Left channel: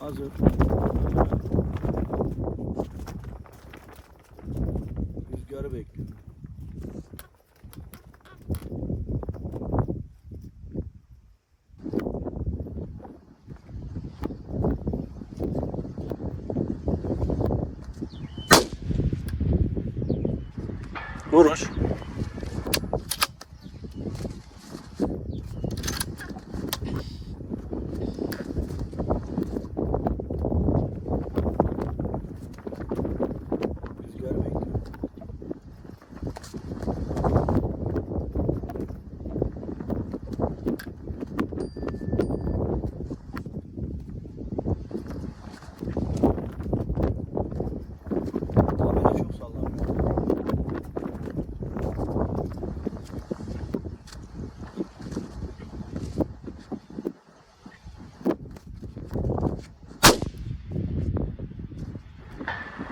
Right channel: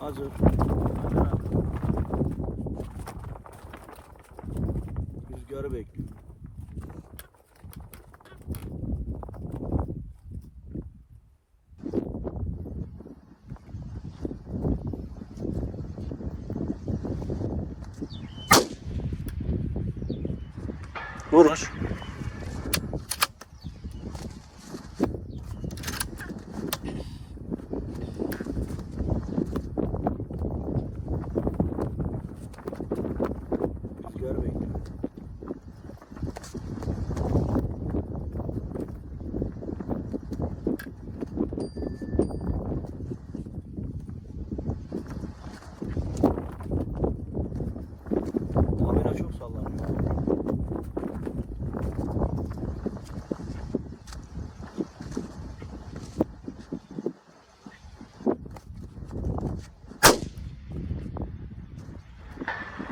Hazır. Rüzgarı bekliyorum. Vurmuş. Rüzgarı bekliyorum. Tabela çok sallanıyor.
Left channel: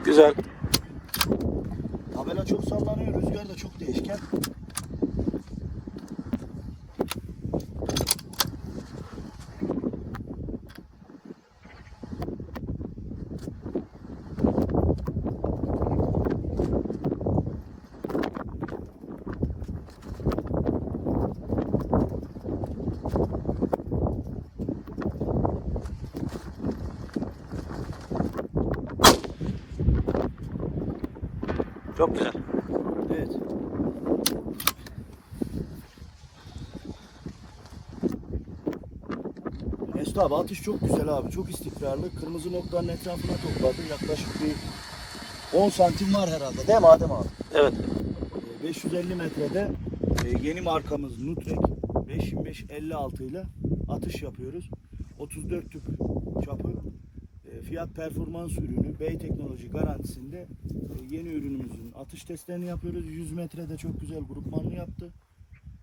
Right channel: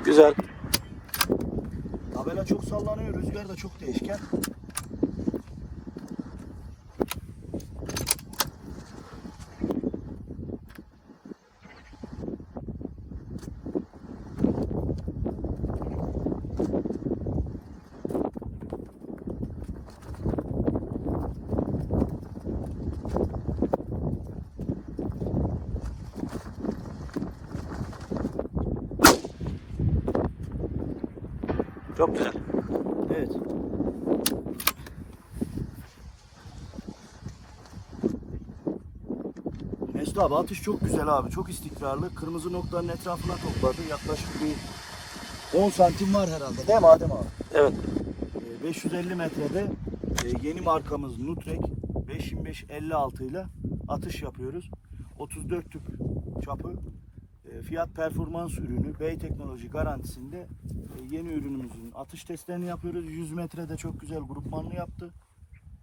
Güzel. Tabela çok sallanıyor, rüzgar da çok değişken. Çok güzel. Evet. Mesut abi atış çok güzel abi. Çok istikrarlı. Kırmızı noktanın etrafına topladı. Yaklaşık bir 10 santim var herhalde. Değil mi Adem abi? Evet. Ee, 550 metrede e, yeni markamız Nutrek 525-56 ile atış yapıyoruz. 34 tüp çapı fiyat performans ürünü Bey Teknoloji garantisinde e, yeni ürünümüzün atış testlerini yapıyoruz. 100 metrede çok güzel grupmanlı yaptı.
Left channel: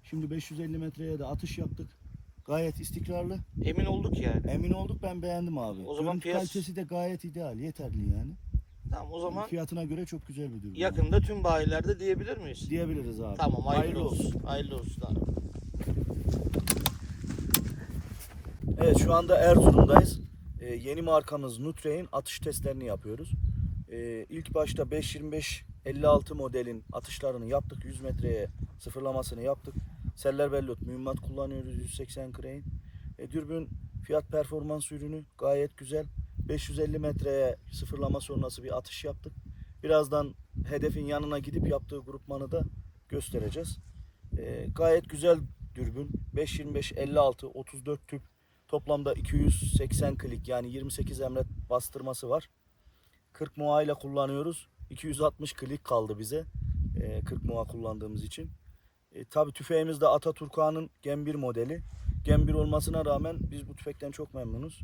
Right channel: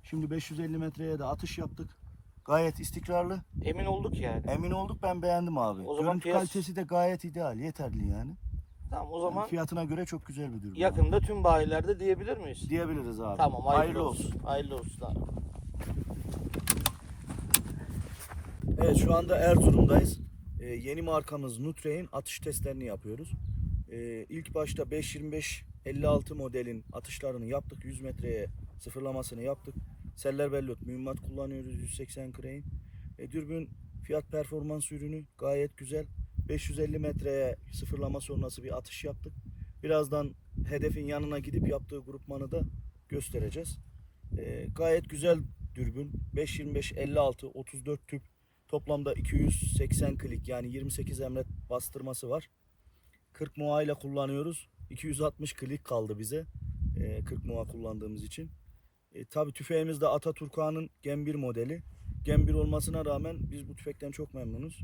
Şimdi 550 metreye de atış yaptık. Gayet istikrarlı. Emin olduk yani. Emin olduk ben beğendim abi. O zaman Görüntü piyas- kalitesi de gayet ideal, yeterli yani. Tamam o Yani zaman fiyatına göre çok güzel bir abi. yakında tüm bayilerde diyebilir miyiz? diyebiliriz abi. Tamam hayırlı, olsun. Hayırlı olsun abi. Evet şu anda Erzurum'dayız. Ee, yeni markamız Nutre'in atış testlerini yapıyoruz. Ee, ilk başta 5.25-56 modelin atışlarını yaptık. 100 metreye sıfırlamasını yaptık. Seller bellot mühimmat kullanıyoruz 180 Crane. E, dürbün fiyat performans ürünü gayet güzel. 550 metreye sıfırlama sonrası bir atış yaptık. Birazdan hedefin yanına gidip yaptığı grupmanı da göstereceğiz. E, gayet güzel dürbün. 5.25-56 34 tüp Toplamda 280 klik yani 28 emret bastırması var. 40 muha ile kullanıyoruz. 260 klik kaldı bize. e, 40 muha kullandığımız için. E, Tabi tüfeğimiz de Ataturka'nın Gen 1 modeli. Gen 1 olmasına rağmen biz bu tüfekten çok memnunuz.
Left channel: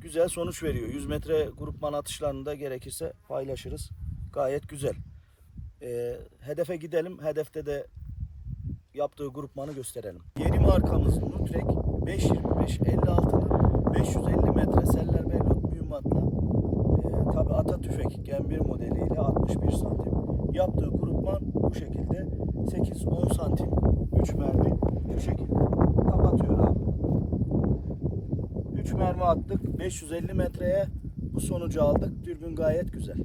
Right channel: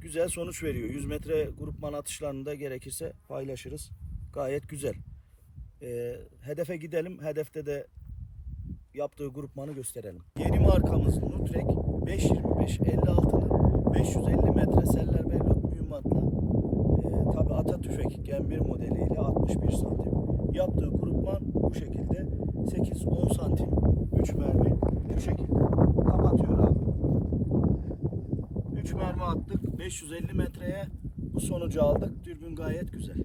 Güzel sonuç veriyor. 100 metre grupman atışlarını da gerekirse paylaşırız. Gayet güzel. E, hedefe gidelim. Hedefte de yaptığı grupmanı gösterelim. Yeni markamız Nutrek 525-56'nın 550 metre seller bellot mühimmatla e, tabi ata tüfek Gen 1 modeliyle 61 santim. Yaptığı grupman bu şekilde 8-10 santim 3 mermi bu şekilde kapatıyor abi. 3 mermi attık 550 metreye bu sonucu aldık. Dürbün gayet güzel.